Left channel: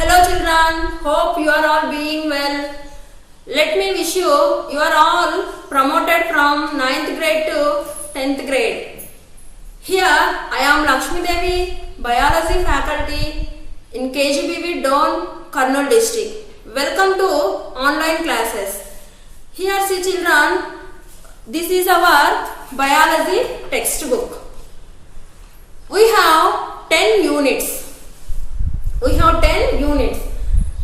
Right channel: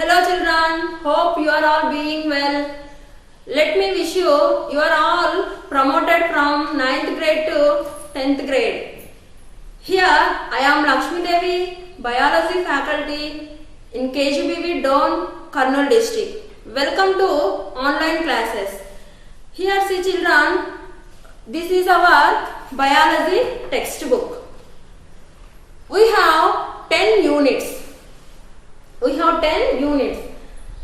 Hello children, hope you are all being well. Let me wish you are all promoted from ninth grade to 10th grade. Here I am Lakshmi Devi, Biology faculty in KGBV Don, Kurnool district. Welcome to online classes. Here see children, this is our biology textbook. We have 10 units.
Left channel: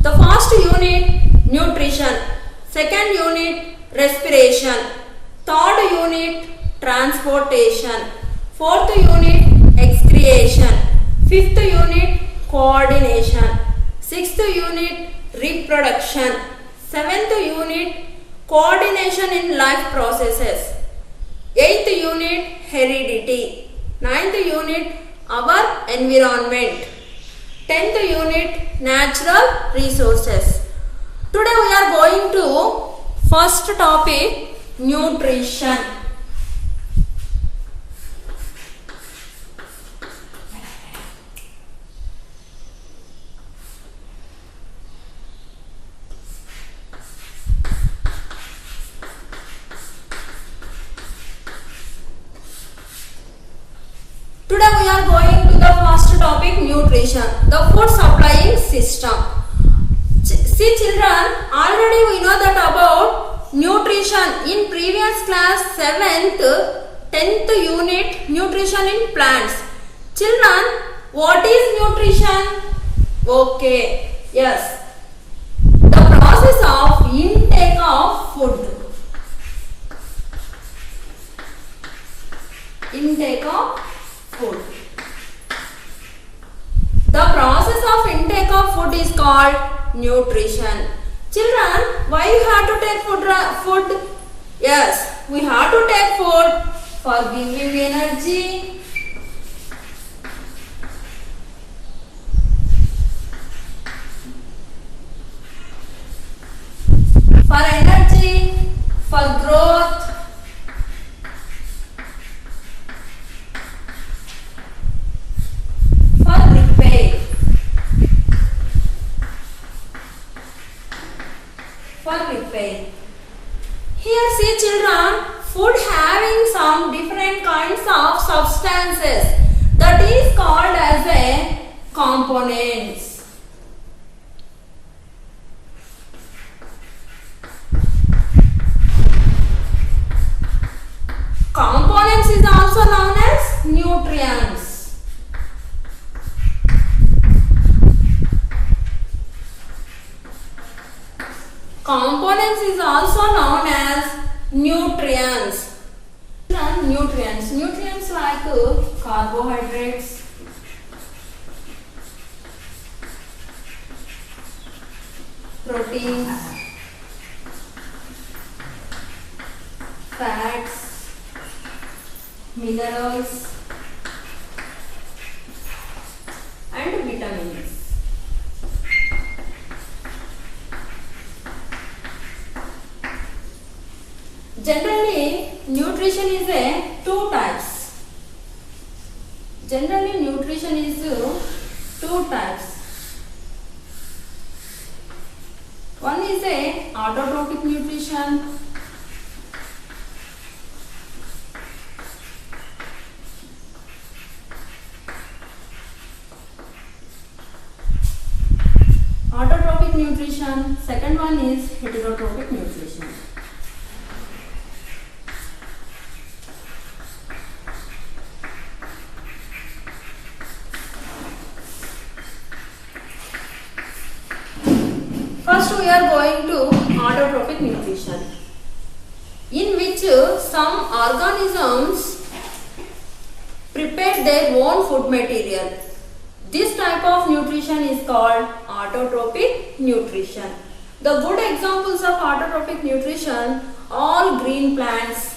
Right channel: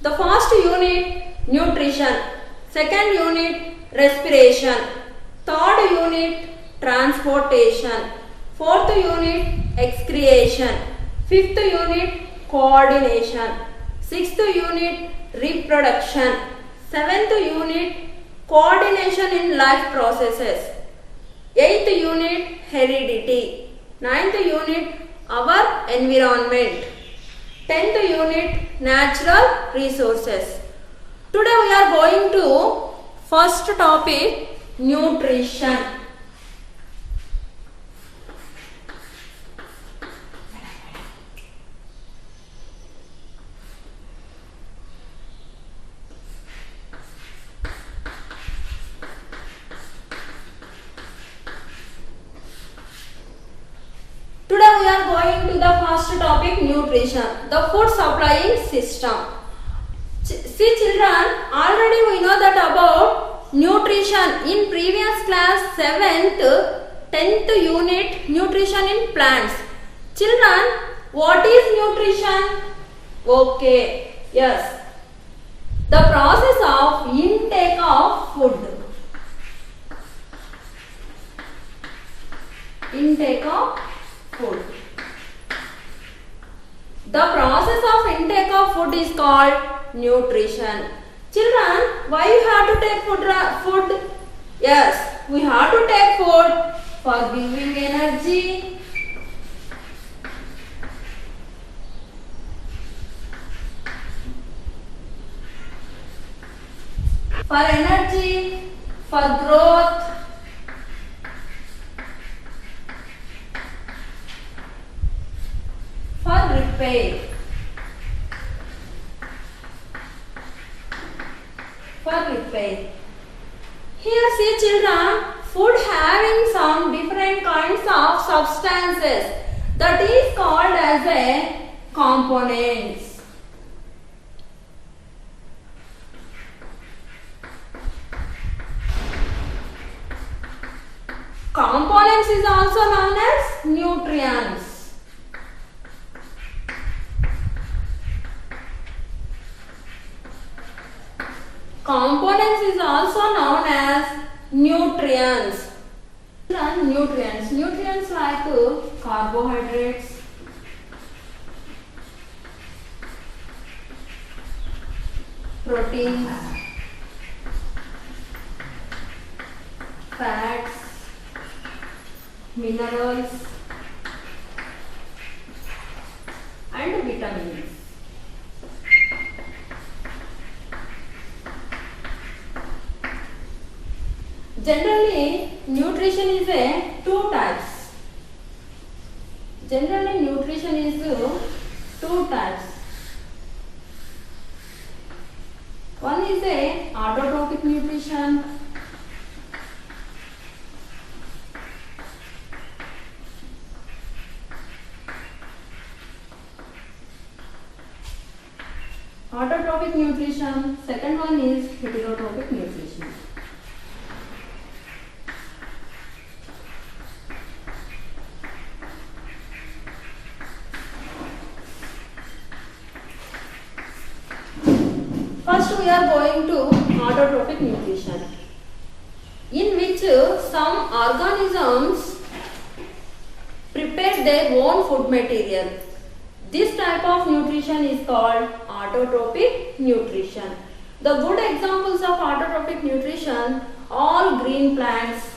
The first unit nutrition, second unit respiration, third unit transportation, fourth unit excretion, fifth unit coordination, sixth unit reproduction, seventh unit coordination in life processes, eighth unit heredity, ninth unit our environment, 10th unit natural resources. Today we are going to first topic nutrition. Today we are going to the first topic nutrition, the food supplying system. See children, already we know that about nutrition in previous class 7th, 10th unit nutrition in plants. Children, what is nutrition? Okay, yes. The process of intake of food. Intake of food. The process of intake of food is called nutrition. Children, why you have to take food? Yes, we have to take food for giving energy, for growth, for repair, Here see children, food having some different kinds of substances that is called as a components. Components is also known as nutrients. Components is also known as nutrients. Nutrients like carbohydrates, proteins, fats, minerals and vitamins. Generally, nutrition is two types. One is autotrophic nutrition. Second one is heterotrophic nutrition. First we are going to autotrophic nutrition, in which some organisms prepare their own food material. This type of nutrition is called autotrophic nutrition. The good examples of autotrophic nutrition, all green plants,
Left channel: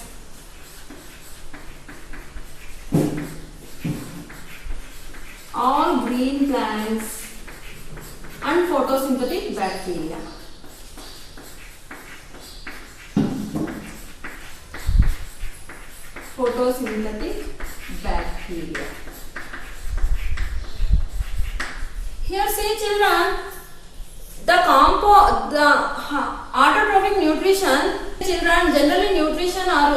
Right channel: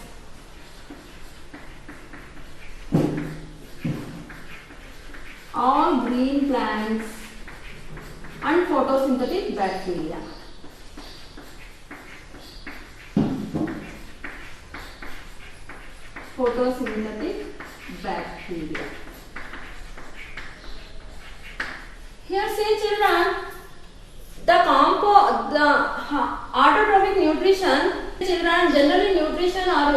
and photosynthetic bacteria. Here see children, The autotrophic nutrition, children, generally nutrition are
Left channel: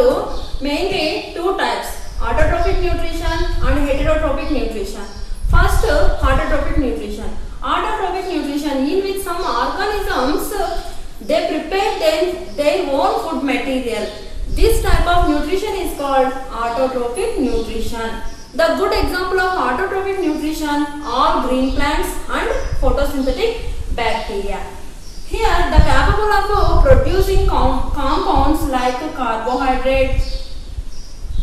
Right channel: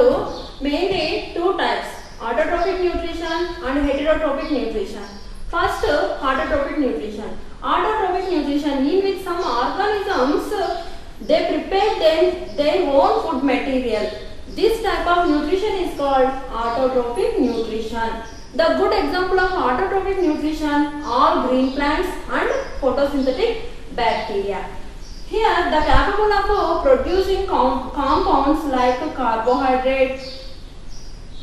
mainly two types, autotrophic nutrition and heterotrophic nutrition. First, autotrophic nutrition. Autotrophic nutrition in which some organisms they prepare their own food material. This type of nutrition is called autotrophic nutrition. The good example of autotrophic nutrition are green plants and photosynthetic bacteria. Here, the capable of producing compounds like carbohydrates,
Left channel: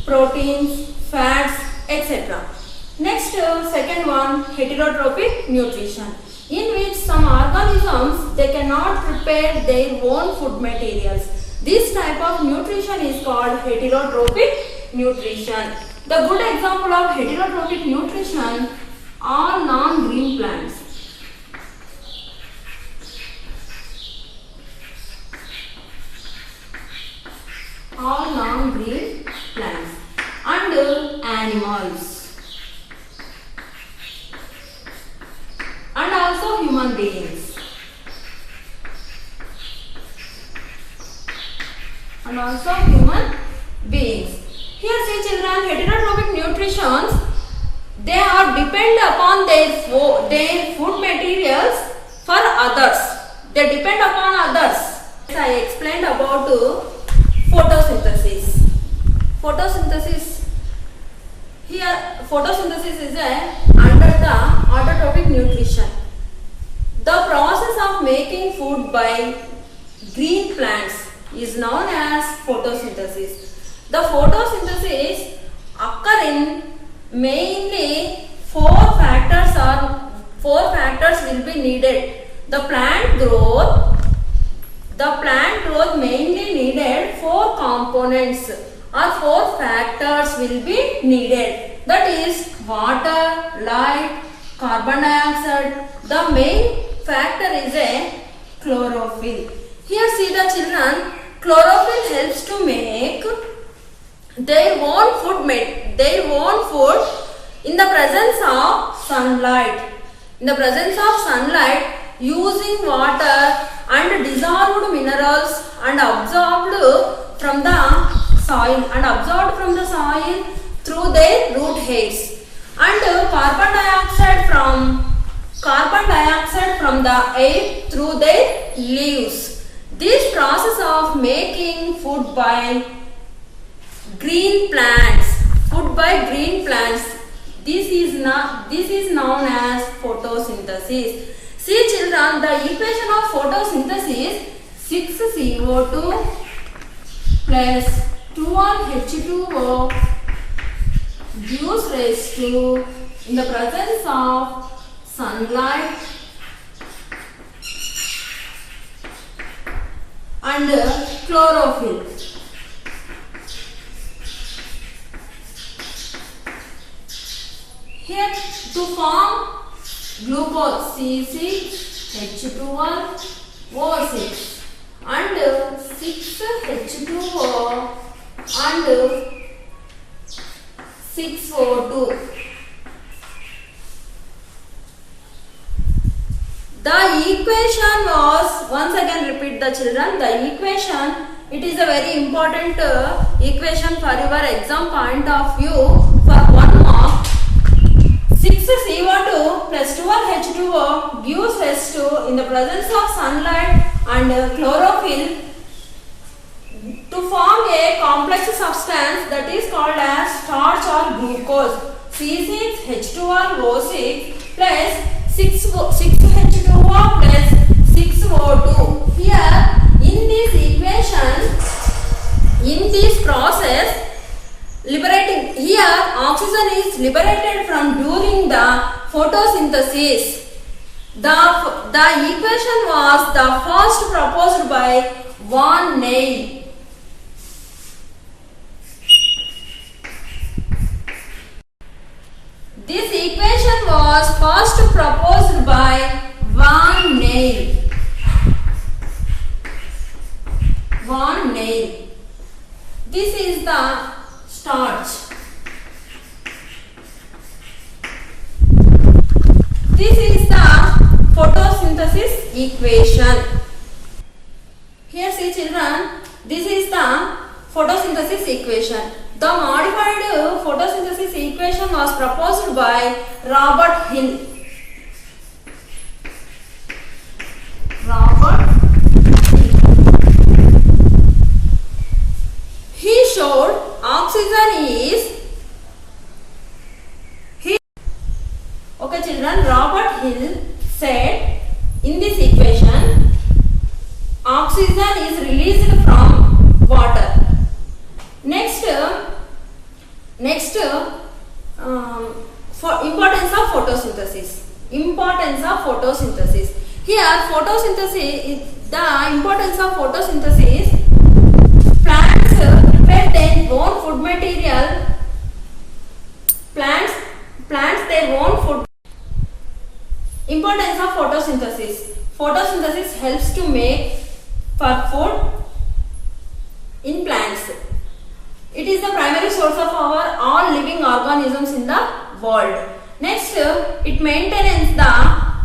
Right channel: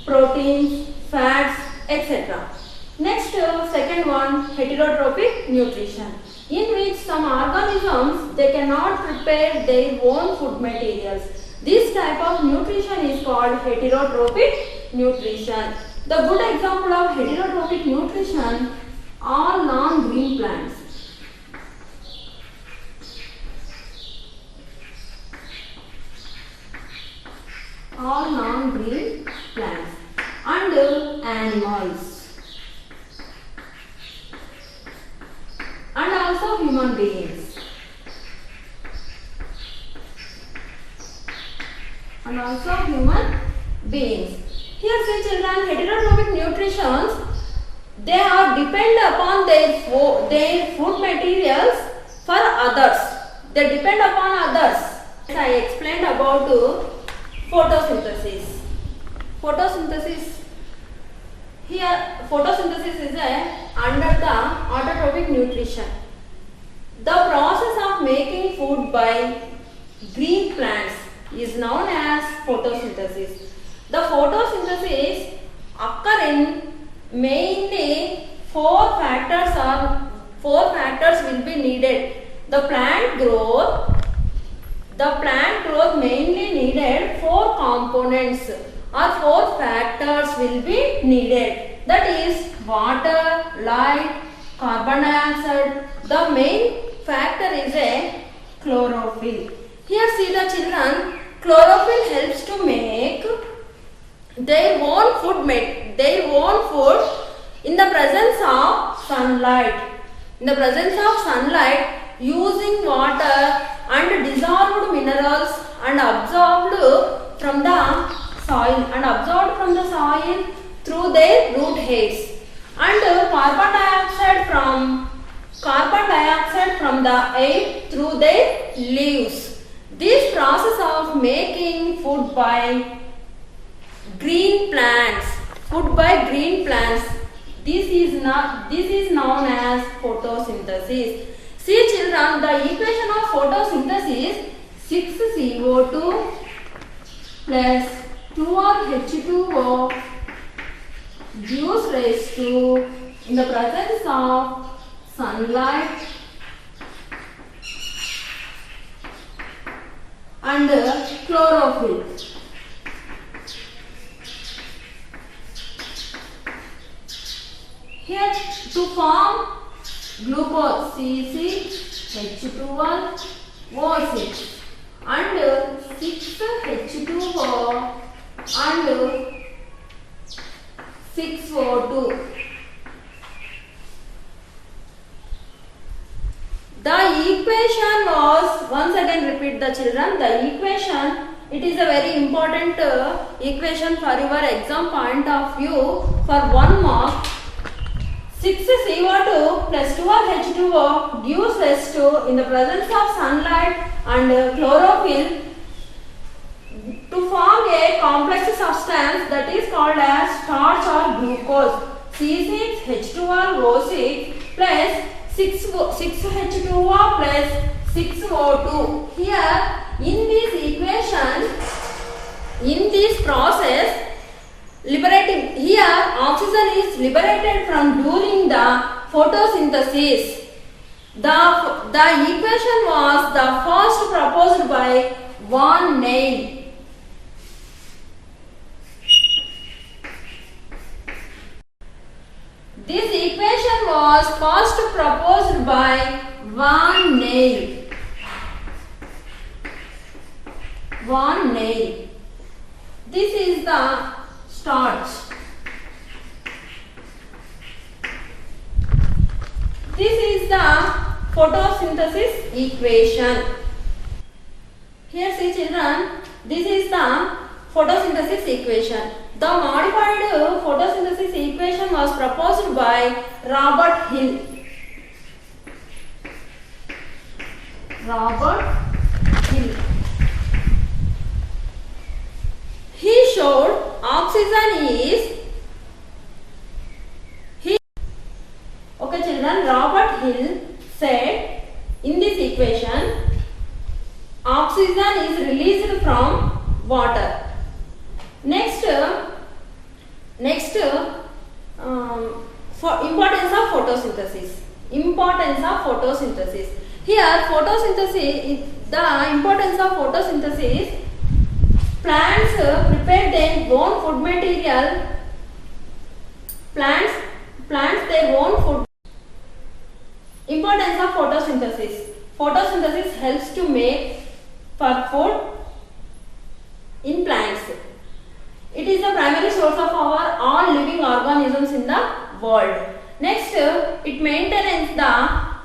proteins, fats, etc. Next, second one, heterotrophic nutrition, in which some organisms they cannot prepare their own food materials. This type of nutrition is called heterotrophic nutrition. The good example of heterotrophic nutrition are non-green plants. All non-green plants and animals and also human beings Here see children, heterotrophic nutrition, they are depend upon their food materials for others. They depend upon others. I explained about photosynthesis. Here photosynthesis is under the autotrophic nutrition. The process of making food by green plants is known as photosynthesis. The photosynthesis occur in mainly four factors will be needed. The plant growth mainly needed four components or four factors will be needed. That is water, light, carbon dioxide. The main factor is a chlorophyll. Here see the children, chlorophyll helps to make their own food in the presence of sunlight. Using water and dissolved minerals and absorbed from the soil through their root hairs, and carbon dioxide from the air through their leaves. This process of making food by green plants, this is known as photosynthesis. See children, the equation of photosynthesis, 6CO2 plus 2H2O gives rise to, in the presence of sunlight and chlorophyll. Here to form glucose, C6H12O6 and 6H2O and 6O2. The equation was, once again repeat the children, the equation, it is a very important equation for your exam point of view for 1 mark. 6CO2 plus 12H2O gives rise to, in the presence of sunlight and chlorophyll, to form a complex substance that is called as starch or glucose, C6H12O6 plus 6H2O plus 6O2. Here in this equation, in this process, liberating, here oxygen is liberated from during the photosynthesis. The equation was the first proposed by Van Ney. This equation was first proposed by Van Ney. This is the starch. This is the photosynthesis equation. Here see children, this is the photosynthesis equation. The modified photosynthesis equation was proposed by Robert Hill. He showed oxygen is Okay children, Robert Hill said in this equation oxygen is released from water. Next for importance of photosynthesis. Here photosynthesis, the importance of photosynthesis, plants prepare their own food material. Plants their own food. Importance of photosynthesis. Photosynthesis helps to make for food in plants. It is the primary source of our all living organisms in the world. Next, it maintains the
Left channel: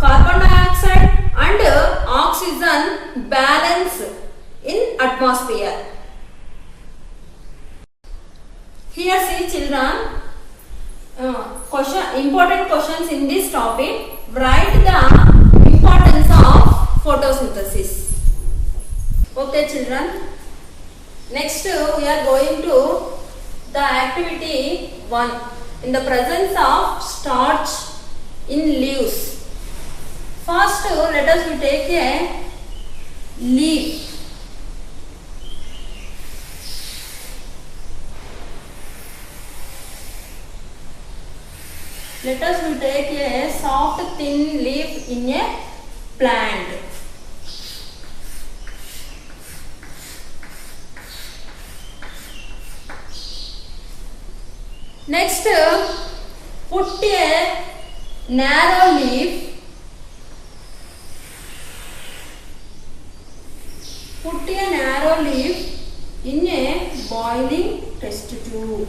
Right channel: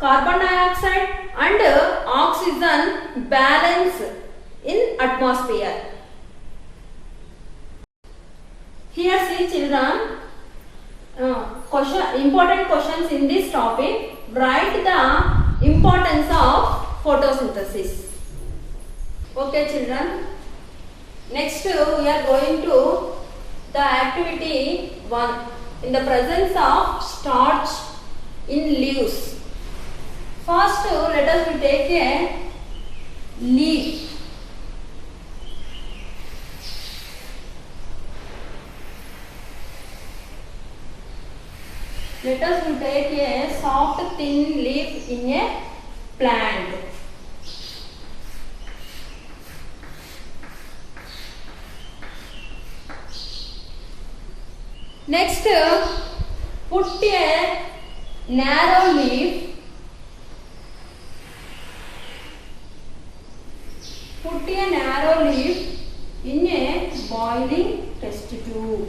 carbon dioxide and oxygen balance in atmosphere. Here see children, important questions in this topic. Write the importance of photosynthesis. Okay children. Next we are going to the activity 1. In the presence of starch in leaves. First let us take a leaf. Let us take a soft thin leaf in a plant. Next, put a narrow leaf. Put a narrow leaf in a boiling test tube.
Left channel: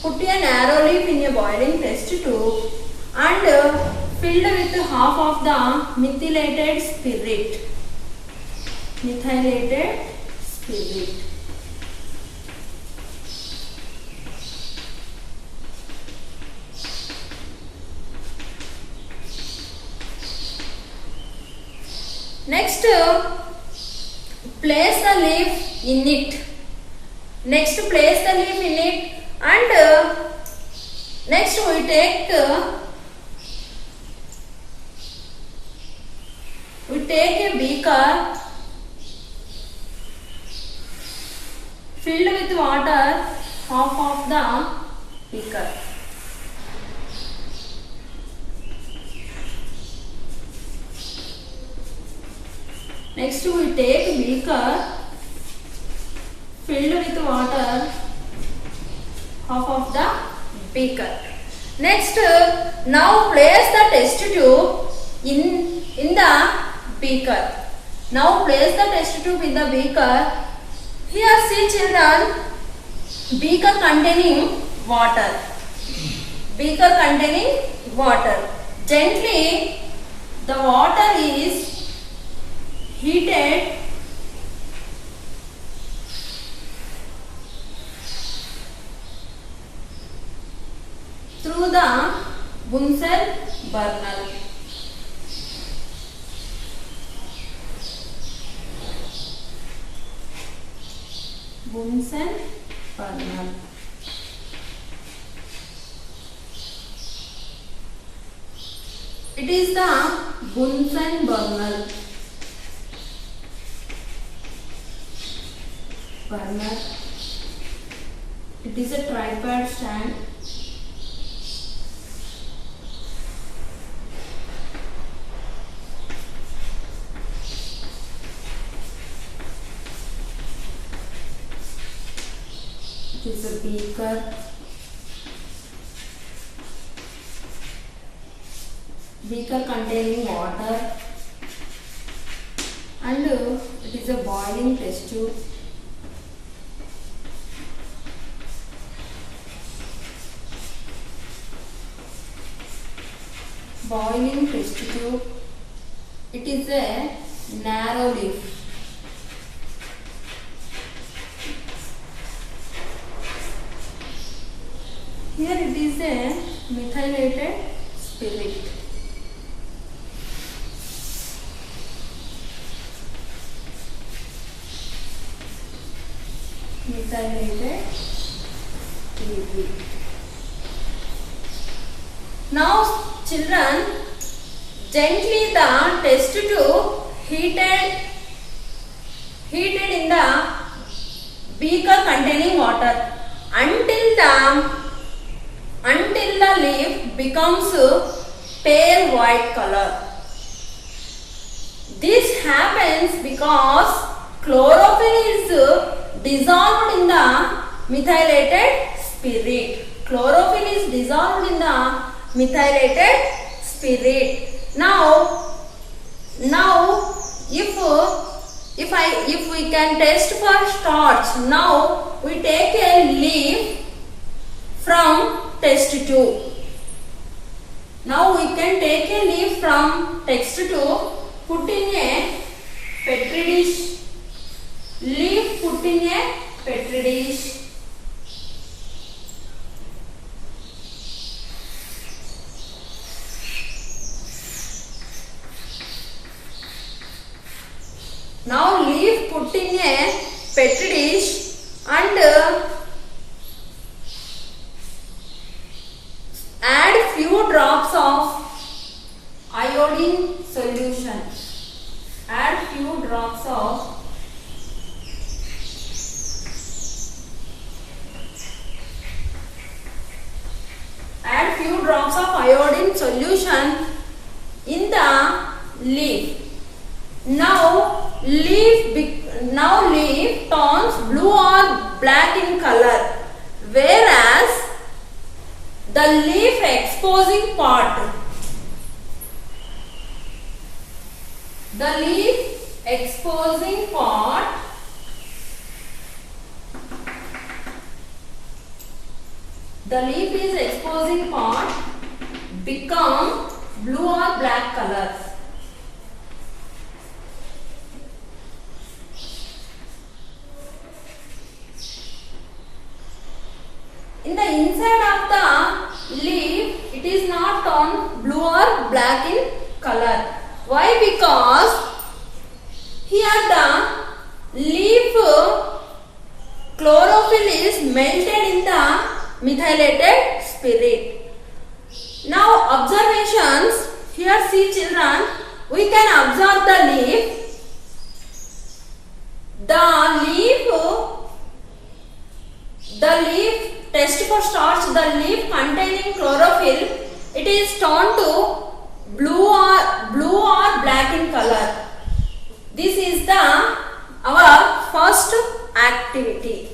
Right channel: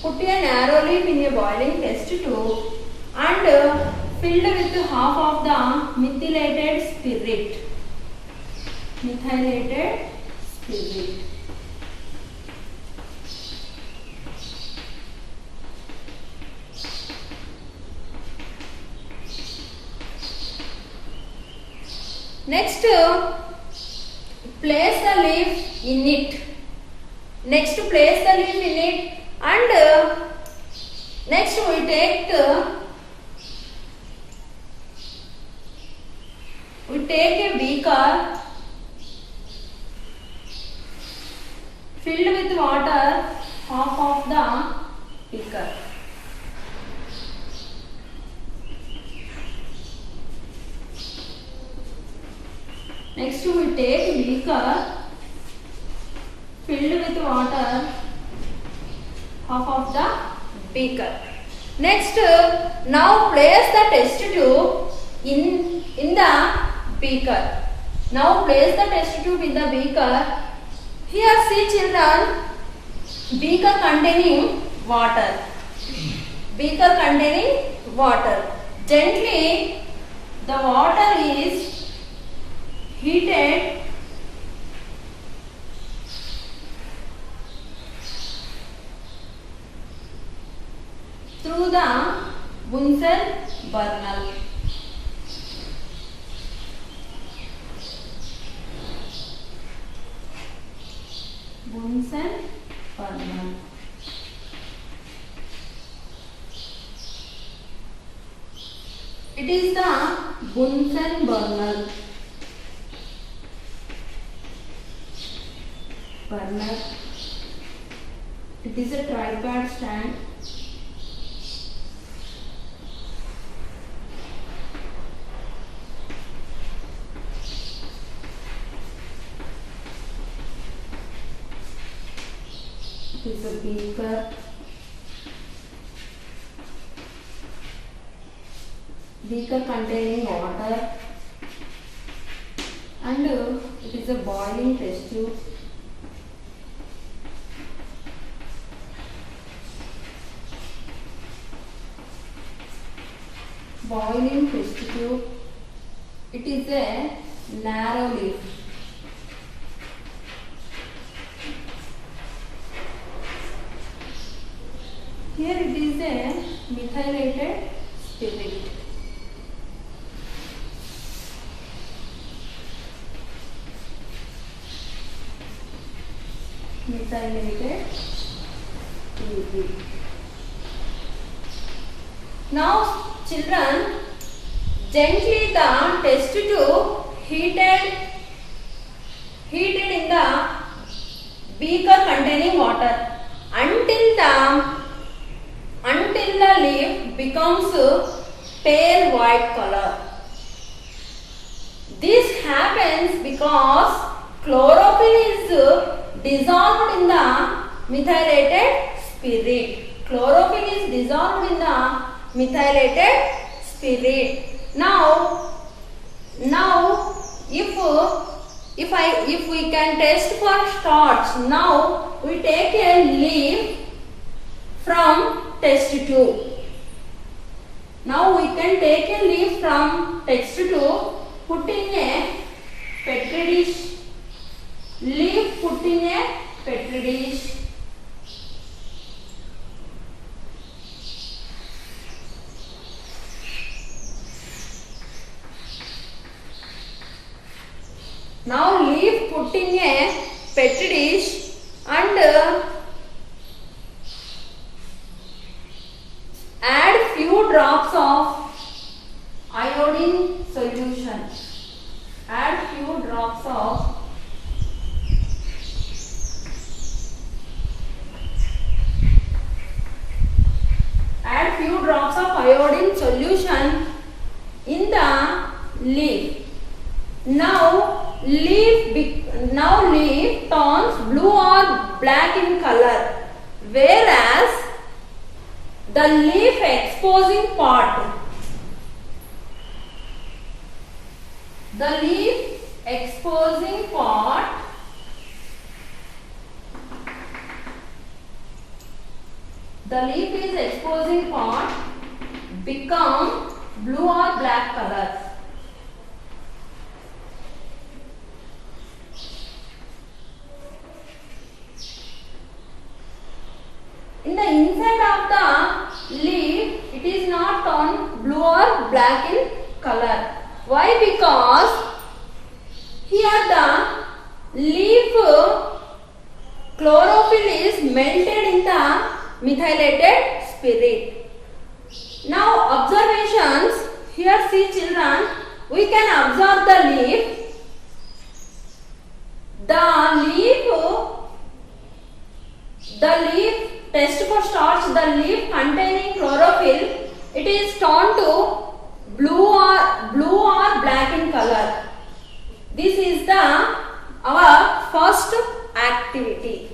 Put a narrow leaf in a boiling test tube and filled with half of the methylated spirit. Next, place the leaf in it. And next we take a beaker filled with water, half of the beaker. Next we take a beaker filled with water, half of the beaker. Next, now place the test tube in the beaker. Here see children, beaker containing water. Gently the water is heated through the Bunsen burner. It is the Bunsen burner. It is a tripod stand. It is a beaker. Containing water, and it is a boiling test tube. boiling test tube. It is a narrow leaf. Here it is a methylated spirit. Methylated spirit. Now children, gently the test tube heated in the beaker containing water until the leaf becomes pale white color. This happens because chlorophyll is dissolved in the methylated spirit. Chlorophyll is dissolved in the methylated spirit. Now if we can test for starch, now we take a leaf from test tube. Now we can take a leaf from test tube, put in a petri dish. Leaf put in a petri dish. Now leaf put in a petri dish and add few drops of iodine solution. Add few drops of iodine solution in the leaf. Now leaf turns blue or black in color, whereas the leaf exposing part become blue or black colors. In the inside of the leaf, it is not turned blue or black in color. Why? Because here the leaf chlorophyll is melted in the methylated spirit. Now observations. Here see children, we can observe the leaf. The leaf test for starch, the leaf containing chlorophyll, it is turned to blue or black in color. This is our first activity.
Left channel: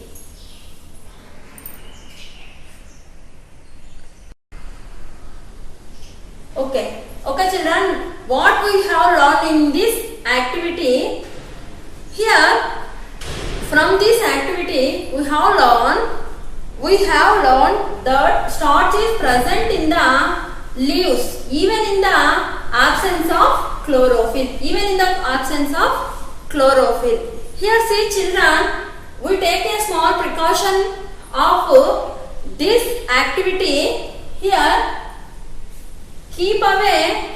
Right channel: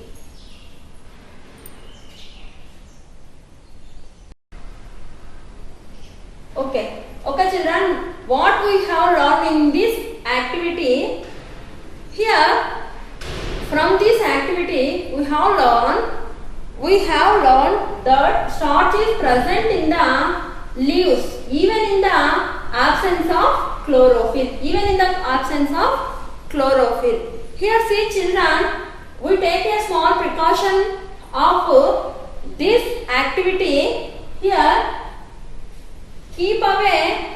Okay children, what we have learned in this activity, here from this activity we have learned that starch is present in the leaves even in the absence of chlorophyll. Here see children, we take a small precaution of this activity. Here keep away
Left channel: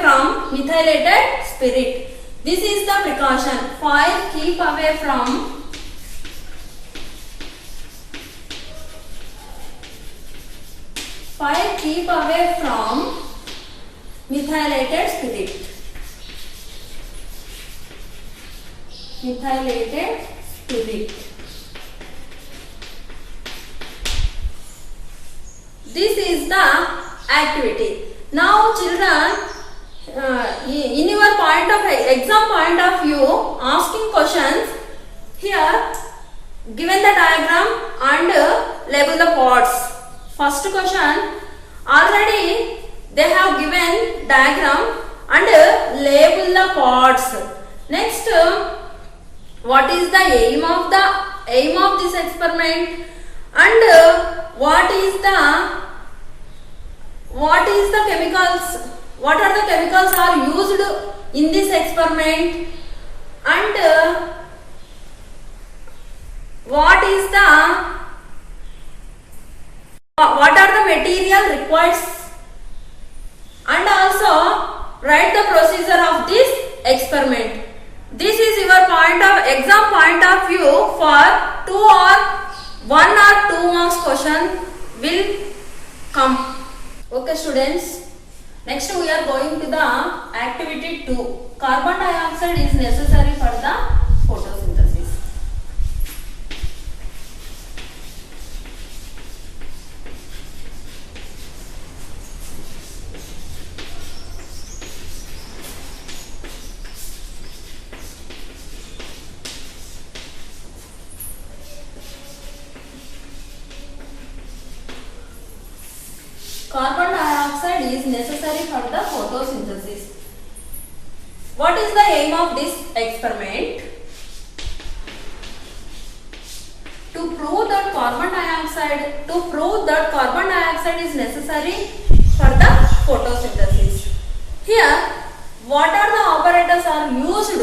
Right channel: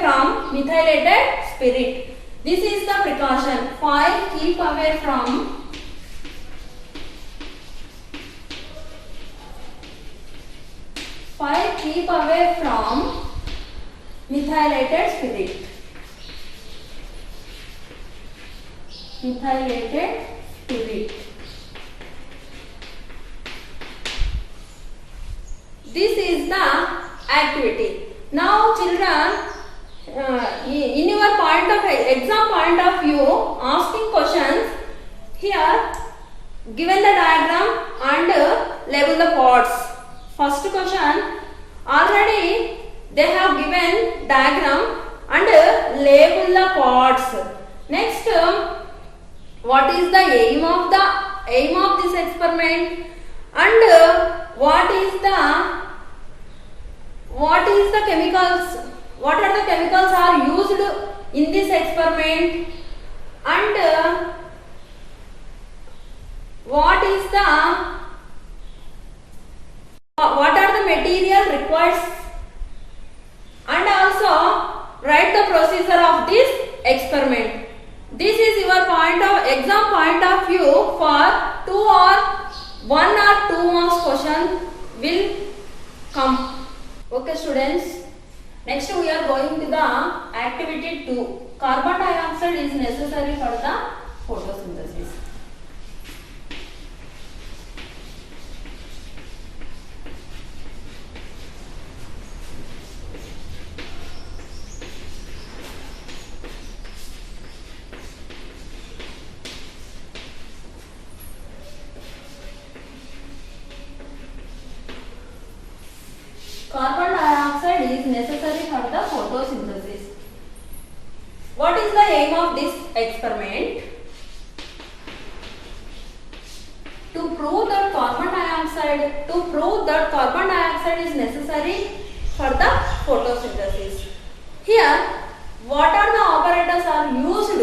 from methylated spirit. This is the precaution. Fire keep away from methylated spirit. This is the activity. Now children, in your exam point of view, asking questions, here given the diagram and label the pods. First question, already they have given diagram and label the pods. Next, what is the aim of this experiment, and what is what is the chemicals, what are the chemicals are used in this experiment, and what are the material required, and also write the procedure of this experiment. This is your exam point of view for 2 or 1 or 2 marks question will come. Okay students, next we are going to the activity 2. Carbon dioxide is necessary for the photosynthesis. Carbon dioxide is necessary for the photosynthesis. What is the aim of this experiment? To prove that carbon dioxide is necessary for the photosynthesis. Here, what are the operators are used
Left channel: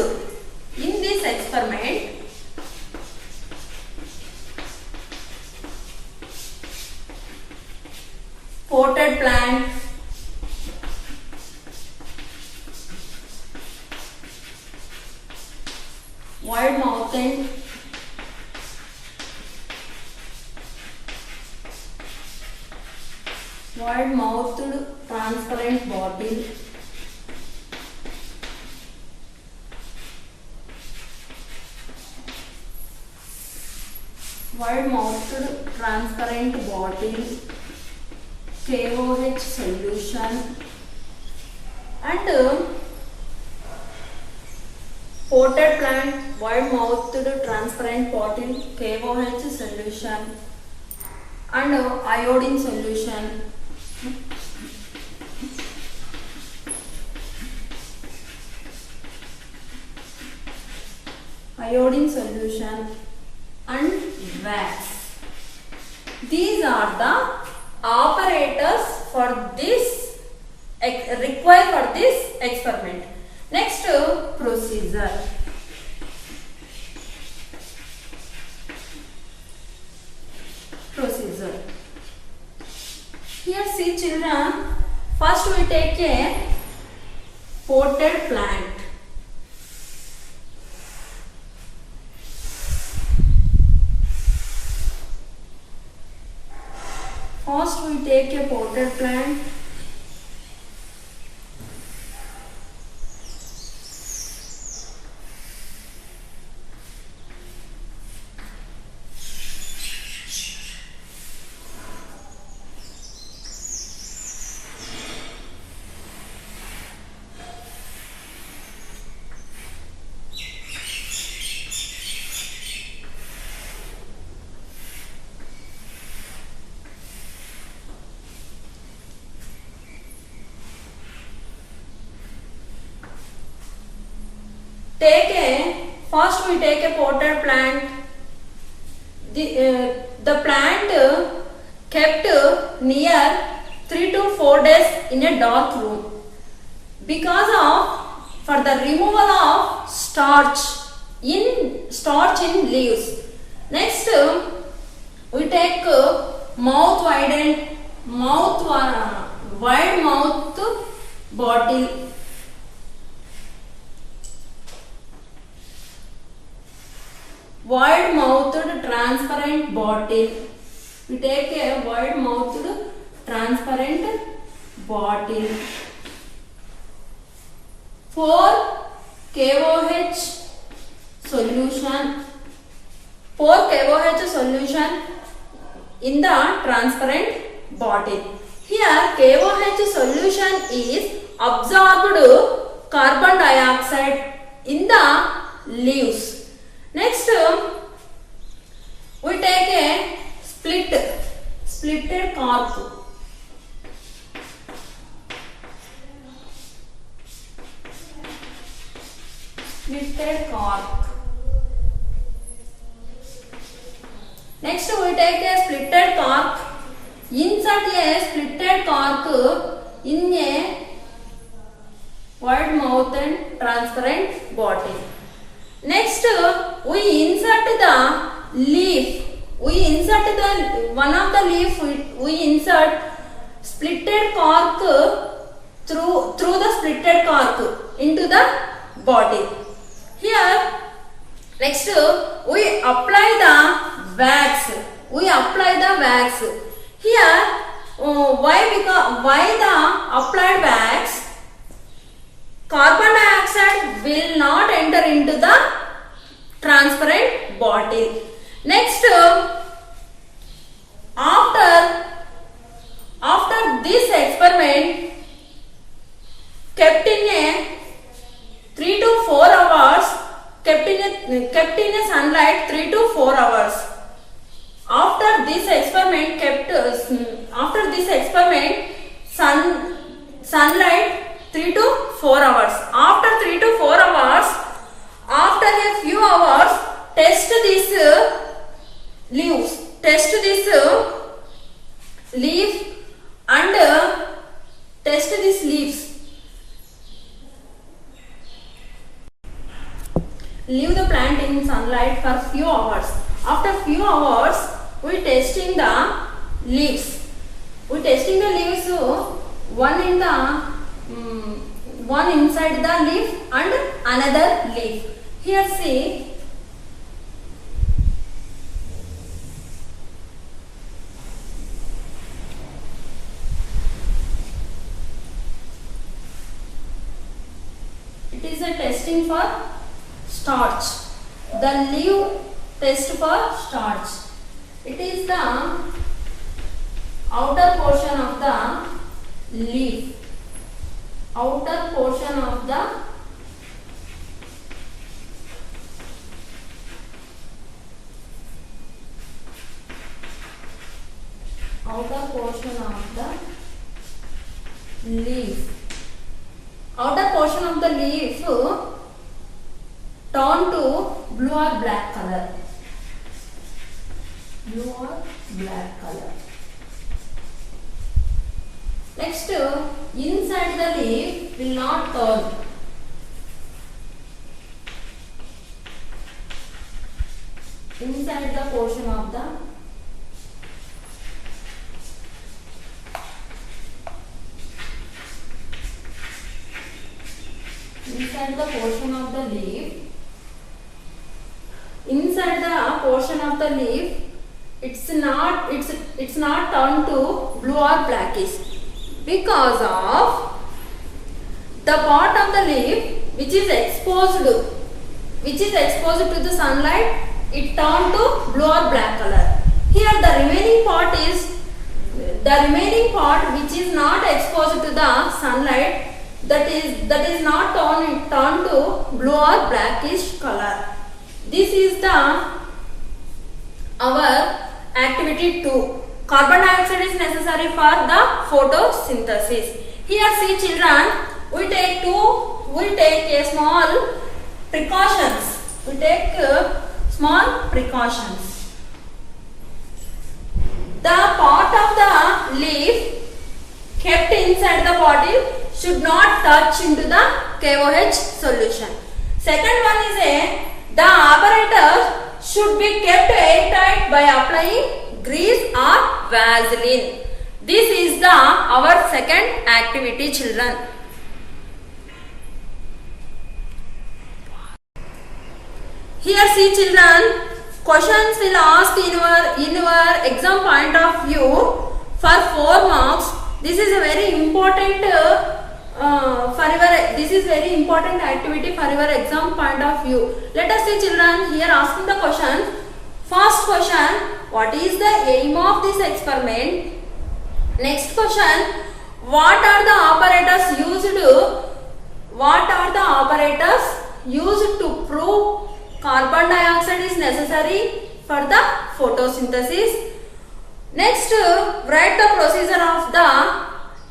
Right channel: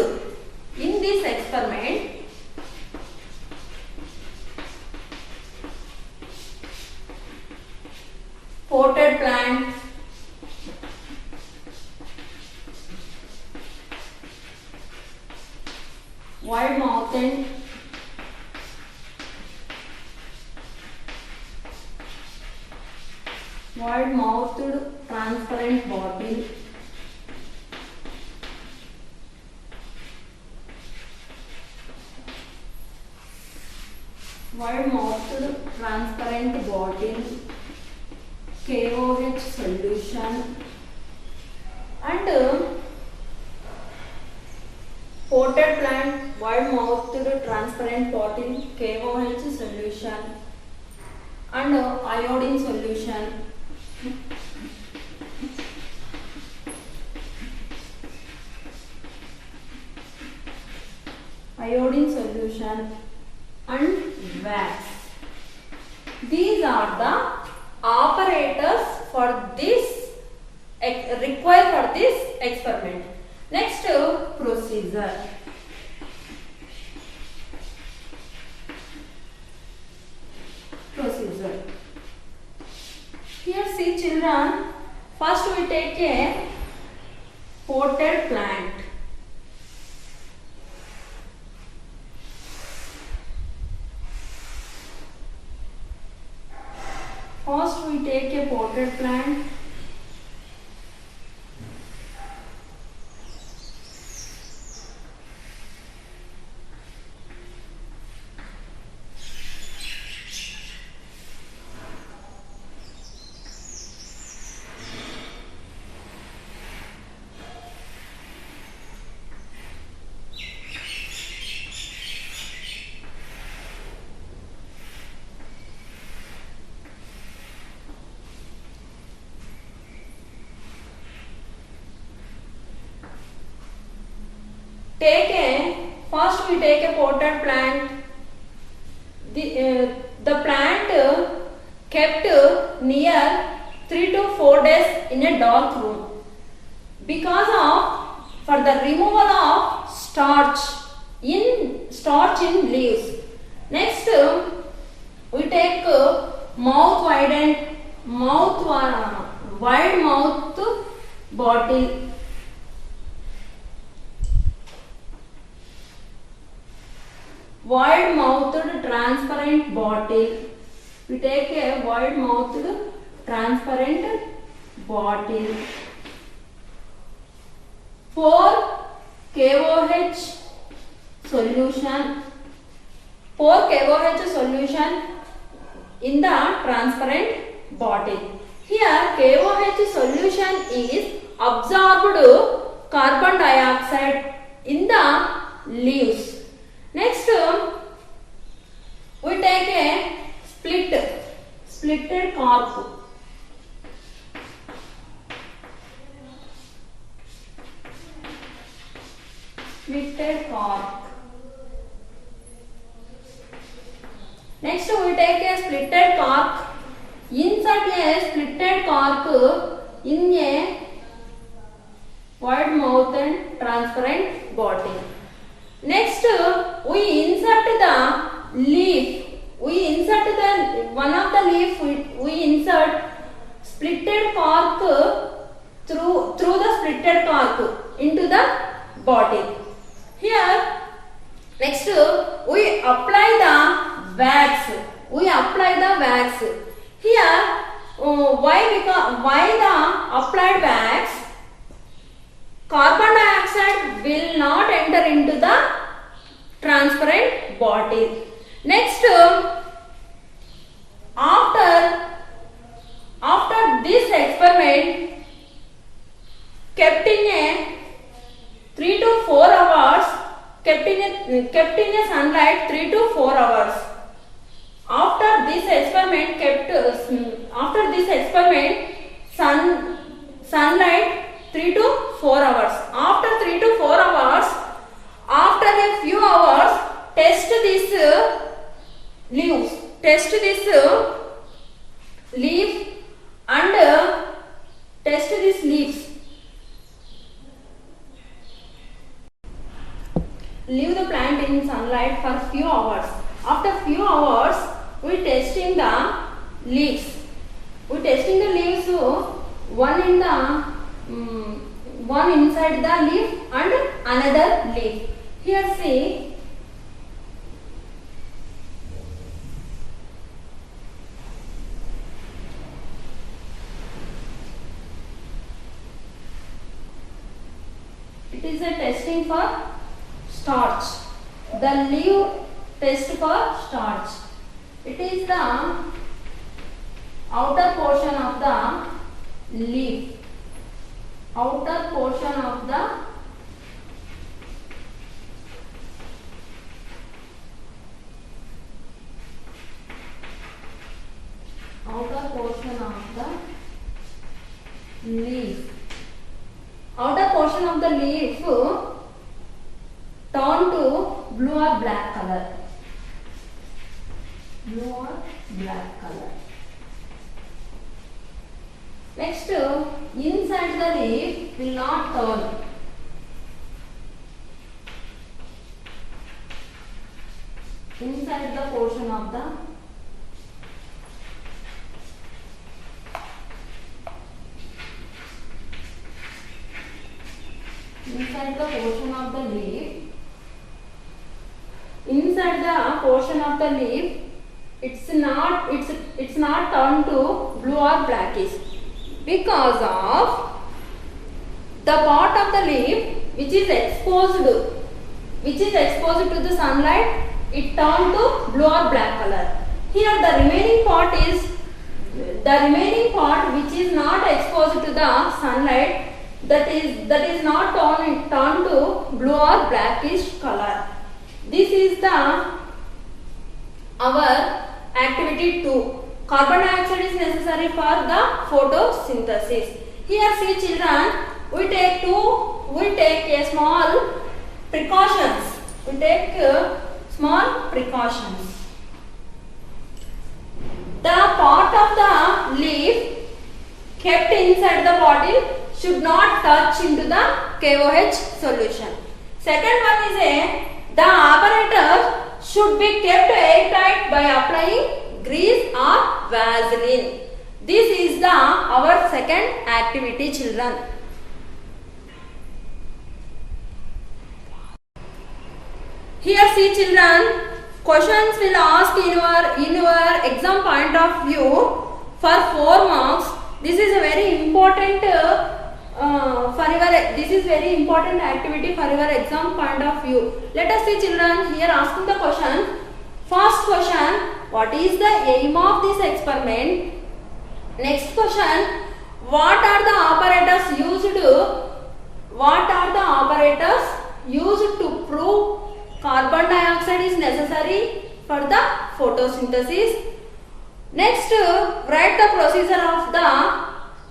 in this experiment? Potted plant, wide-mouthed, transparent bottle, KOH solution, and potted plant, wide-mouthed transparent bottle, KOH solution, and iodine solution. And wax. These are the operators for this required for this experiment. Next, procedure. Here see children, first we take a potted plant. First we take a potted plant. First we take a potted plant. The plant kept near 3 to 4 days in a dark room for the removal of starch in leaves. Next, we take wide mouth bottle. Wide-mouthed transparent bottle. We take a wide-mouthed transparent bottle. 4 KOH solution. 4 KOH solution in the transparent bottle. Here KOH solution is absorbed carbon dioxide in the leaves. Next, we take a splitted cork. Next, we take a splitted cork. insert a splitted cork in a wide mouth and transparent bottle. Next, we insert the leaf. We insert the one of the leaf. We insert splitted cork through the splitted cork into the bottle. Here, next we apply the wax. We apply the wax. Here, why the applied wax? Carbon dioxide will not enter into the transparent bottle. Next, after this experiment kept in a 3 to 4 hours, kept in a sunlight 3 to 4 hours. After this experiment, sunlight 3 to 4 hours. After 3 to 4 hours, after a few hours, test this leaves. Test this leaf and test these leaves. Leave the plant in sunlight for few hours. After few hours, we testing the leaves. We testing the leaves. One inside the leaf and another leaf. Here see. It is a testing for starch. The leaf test for starch. It is the outer portion of the leaf. Outer portion of the leaf. Outer portion of the leaf turn to blue or black color. Blue or black color. Next, inside the leaf will not turn. Inside the portion of the leaf. Inside the portion of the leaf, it's not turned to blue or blackish, because of the part of the leaf which is exposed to the sunlight, it turned to blue or black color. Here the remaining part which is not exposed to the sunlight, that is not turned to blue or blackish color. This is our activity 2. Carbon dioxide is necessary for the photosynthesis. Here see children, we take a small precautions. We take small precautions. The part of the leaf kept inside the bottle should not touch into the KOH solution. Second one is the apparatus should be kept airtight by applying grease or Vaseline. This is our second activity, children. Here see children, questions will ask in your exam point of view for 4 marks. This is a very important very important activity for your exam point of view. Let us see children, here asking the question. First question, what is the aim of this experiment? Next question, what are the apparatus used to prove carbon dioxide is necessary for the photosynthesis? Next, write the procedure of the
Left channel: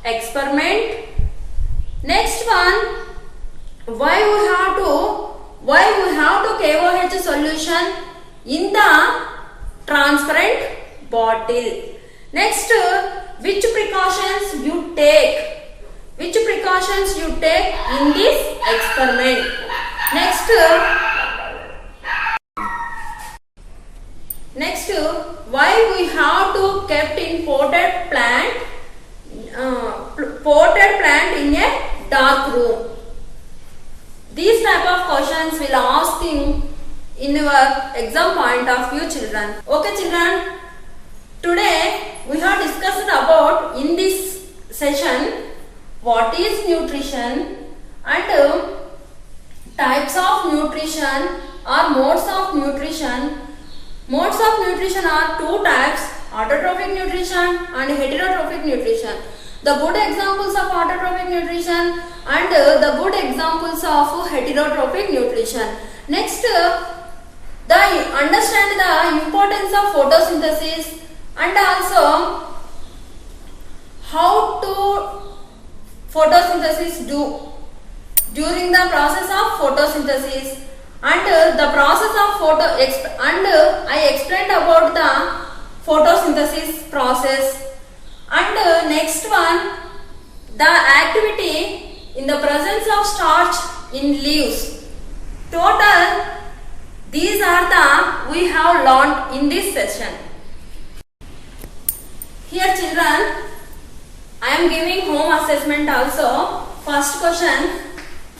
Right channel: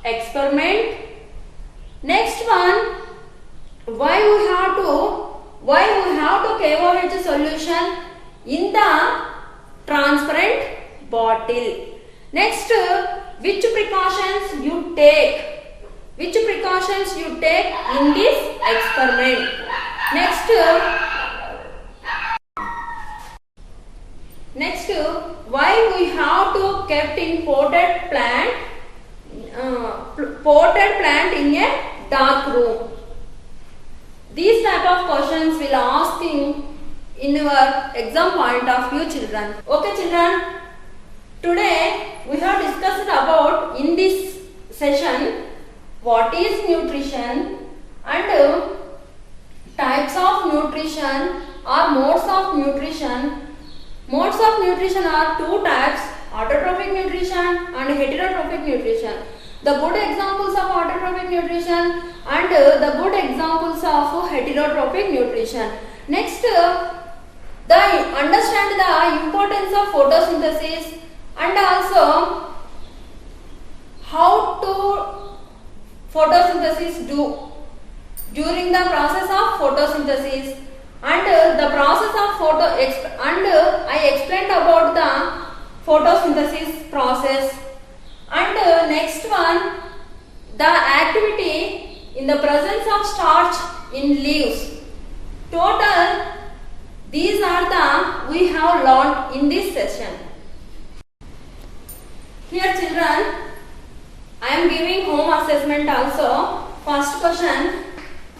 experiment. Next one, why we have to KOH solution in the transparent bottle. Next, which precautions you take? Which precautions you take in this experiment? Next, why we have to kept in potted plant in a dark room? These type of questions will ask in your exam point of view, children. Okay, children. Today we have discussed about in this session what is nutrition and types of nutrition or modes of nutrition. Modes of nutrition are two types: autotrophic nutrition and heterotrophic nutrition. The good examples of autotrophic nutrition and the good examples of heterotrophic nutrition. Next, understand the importance of photosynthesis and also how to photosynthesis do during the process of photosynthesis and the process of I explained about the photosynthesis process. And next one, the activity in the presence of starch in leaves. Total, these are the we have learned in this session. Here, children, I am giving home assessment also. First question,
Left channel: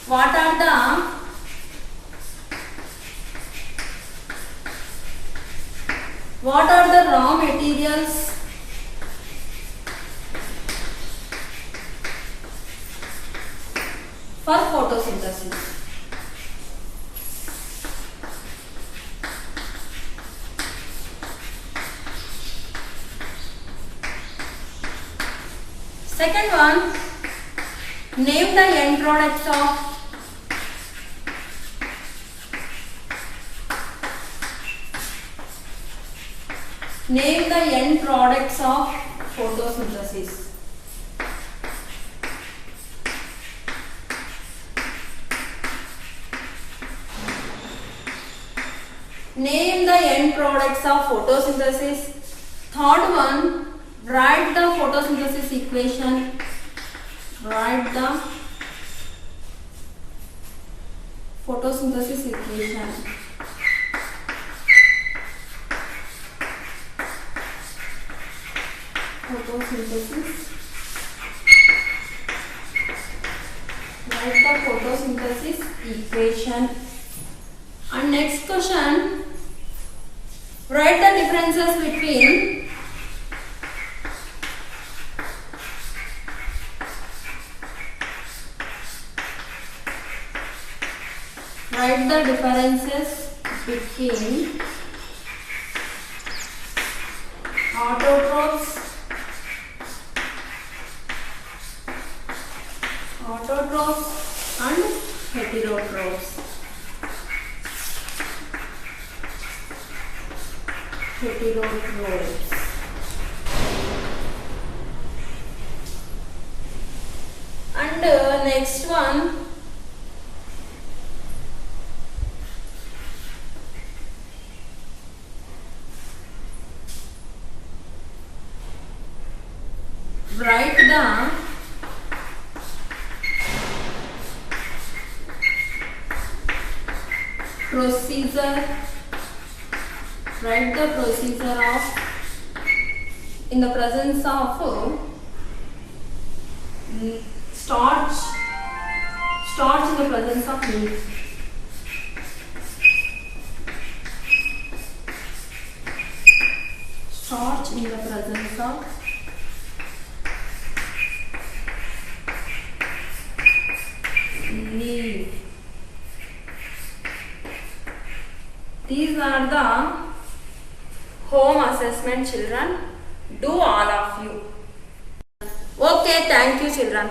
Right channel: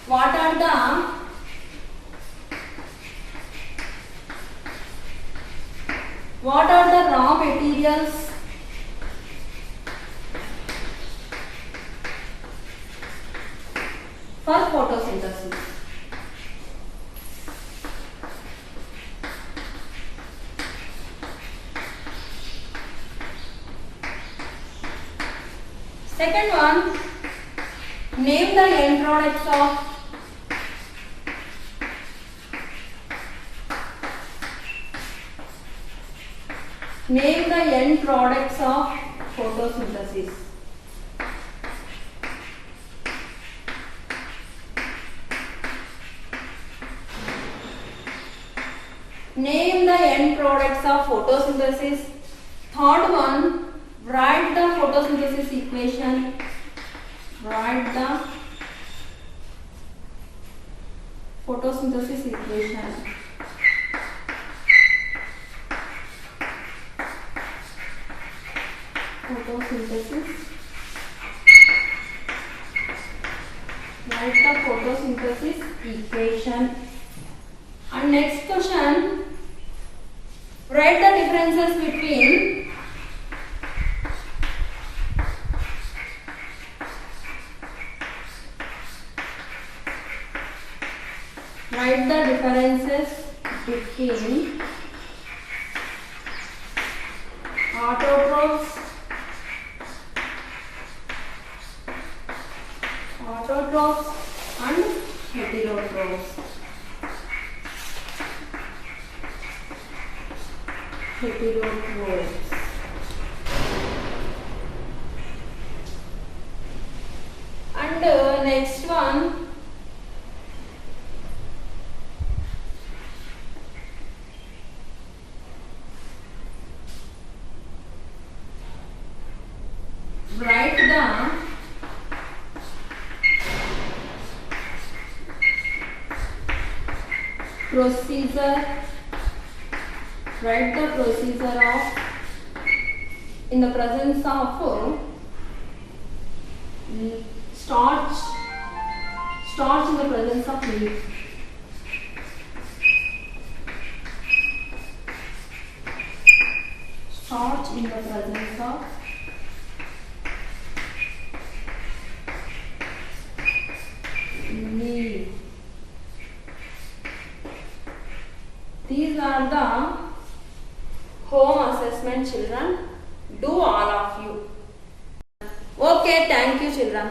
what are the raw materials for photosynthesis? Second one, name the end products of photosynthesis. Name the end products of photosynthesis. Third one, write the photosynthesis equation. Write the photosynthesis equation. Write the photosynthesis equation. And next question, write the differences between autotrophs and heterotrophs. And next one, write the procedure of in the presence of starch in the presence of milk. Starch in the presence of milk. These are the home assessment, children. Do all of you. Okay, thank you, children.